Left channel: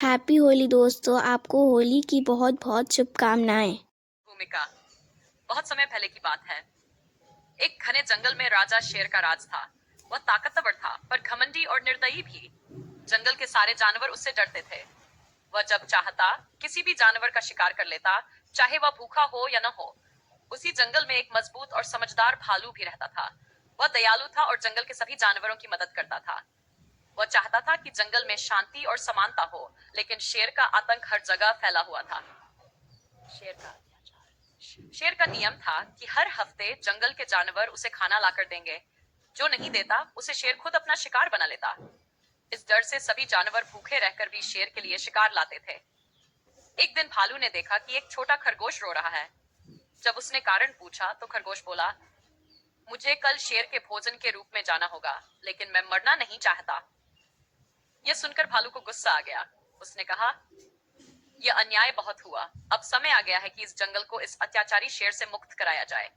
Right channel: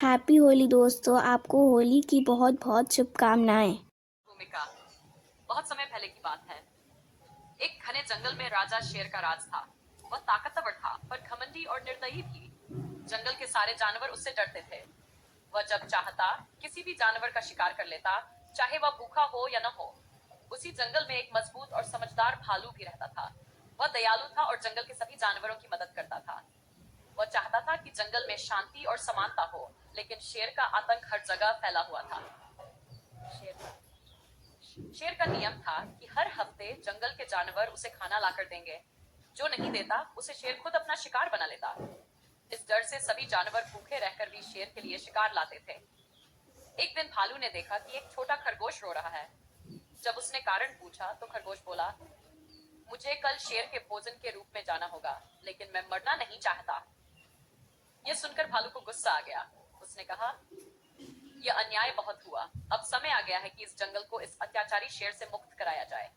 Happy Holi दोस्तों, आपको होली की बहुत बहुत शुभकामनाएं। भूमिका। बहुत समय पहले की बात है। एक घने जंगल में राजा शेर का राज था। वह ताकतवर था पर घमंडी और निर्दयी भी। जंगल के सारे जानवर उससे डरते थे। वह जब चाहता किसी भी जानवर का शिकार कर लेता, चाहे वह भूखा हो या न हो। उसी जंगल में एक मजबूत और समझदार भालू भी रहता था। वह दयालु था और जंगल के सभी जानवरों की मदद करता था। वह चाहता था कि जंगल में शांति और समानता हो, लेकिन शेर का आतंक हर जगह फैला हुआ था। शेर का शेर का नियम था कि हर हफ्ते जंगल के जानवर उसे खाना लाकर देंगे। जो नहीं देता उसे शेर खुद अपना शिकार बना लेता। इस डर से सभी जानवर भूखे रहकर भी शेर के लिए शिकार लाते थे। एक दिन भालू ने देखा कि एक छोटा खरगोश रो रहा है। जब उसने कारण पूछा तो खरगोश बोला, मुझे कल शेर के भोजन के रूप में जाना होगा, लेकिन मैं मरना नहीं चाहता। यह सुनकर भालू को गुस्सा आ गया। उसने कहा, यह अन्याय बहुत हुआ। अब समय आ गया है कि इस जंगल को इस अत्याचारी शेर से मुक्त कराया जाए।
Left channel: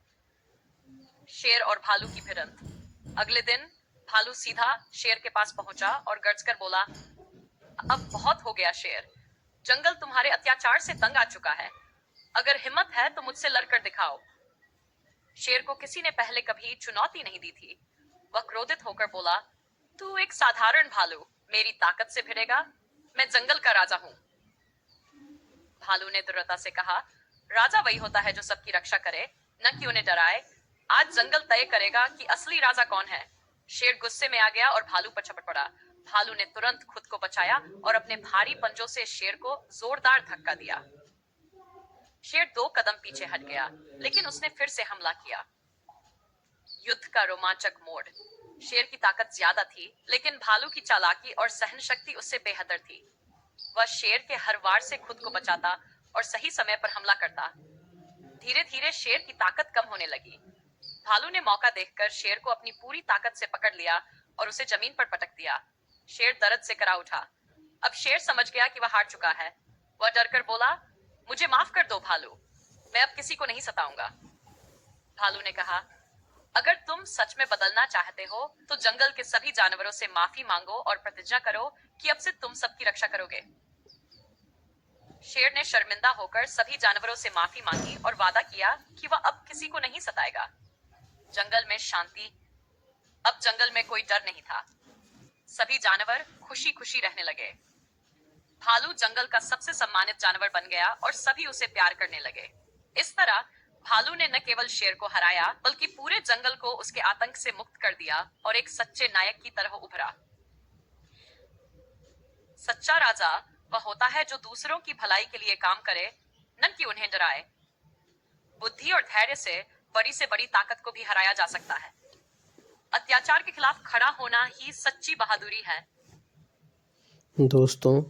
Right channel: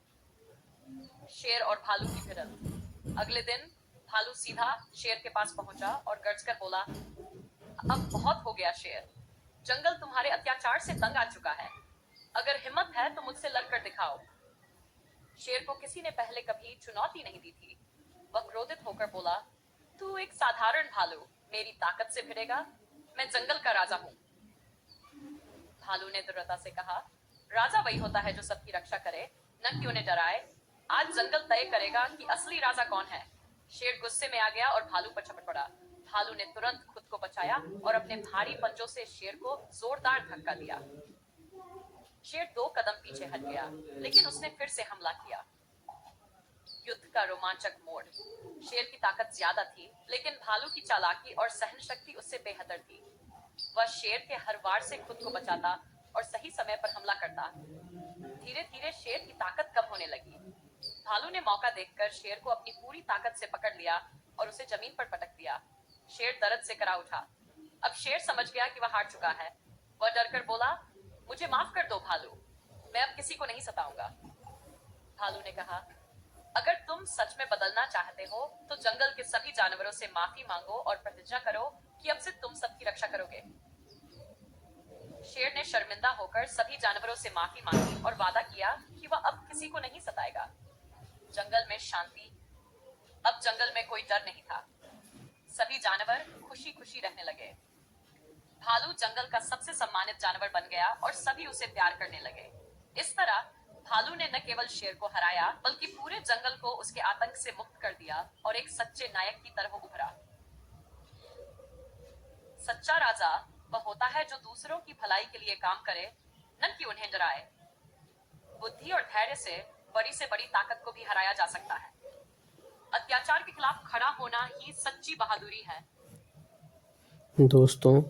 शेर और भालू की भिड़ंत। अगले दिन भालू सीधा शेर के पास पहुंचा और गर्जकर बोला, अब बहुत हो गया शेर। जंगल तुम्हारे अत्याचार से तंग आ चुका है। अगर हिम्मत है तो मुझसे लड़कर दिखाओ। शेर को किसी ने पहले कभी चुनौती नहीं दी थी। वह क्रोधित होकर बोला, तू एक साधारण भालू मेरी ताकत से भिड़ेगा? मैं जंगल का राजा हूँ। भालू ने दृढ़ता से कहा, राजा वही होता है जो सबकी रक्षा करे, न कि उन्हें डराए। आज जंगल तय करेगा कि असली राजा कौन है। शेर गुस्से में आ गया और भालू पर झपट पड़ा। भालू ने तुरंत खुद को बचाया और अपने भारी पंजों से शेर को जोरदार धक्का दिया। शेर 2 कदम पीछे हट गया, लेकिन उसने फिर से हमला किया। युद्ध का रोमांचक मोड़। शेर की ताकत ज्यादा थी, लेकिन भालू की चालाकी और सहन शक्ति उससे बेहतर थी। वह शेर के हर वार से खुद को बचाता और सही समय पर हमला करता। धीरे धीरे शेर की ताकत कम होने लगी। भालू ने मौका देखकर शेर को अपनी पूरी ताकत से पकड़ लिया और उसे जमीन पर पटक दिया। शेर दर्द से करा उठा। अब शेर समझ गया कि वह हार चुका है। वह डरकर बोला, मुझे माफ कर दो भालू, मैं अब किसी को नहीं सताऊंगा। भालू ने कहा, अगर तुम सच में बदलना चाहते हो तो जंगल के सभी जानवरों से माफी मांगो और प्रतिज्ञा करो कि अब से तुम सबकी रक्षा करोगे। शेर ने शर्मिंदा होकर सभी जानवरों से माफी मांगी और वादा किया कि वह अब किसी को नहीं सताएगा। जंगल में शांति। अब जंगल में कोई डर नहीं था। सभी जानवर खुशी खुशी रहने लगे। भालू जंगल का सबसे सम्मानित जानवर बन गया और सभी उसे प्यार करने लगे। इस तरह भालू ने न केवल शेर को हराया, बल्कि पूरे जंगल को उसके आतंक से मुक्त कर दिया और एक सच्चे नायक की तरह उभरा। सच्चा राजा वह होता है जो दूसरों की भलाई के लिए काम करे, न कि उन्हें डराए। बुद्धि और धैर्य से बड़ी ताकत को भी हराया जा सकता है। अत्याचार के खिलाफ खड़ा होना ही सच्ची बहादुरी है। दोस्तों,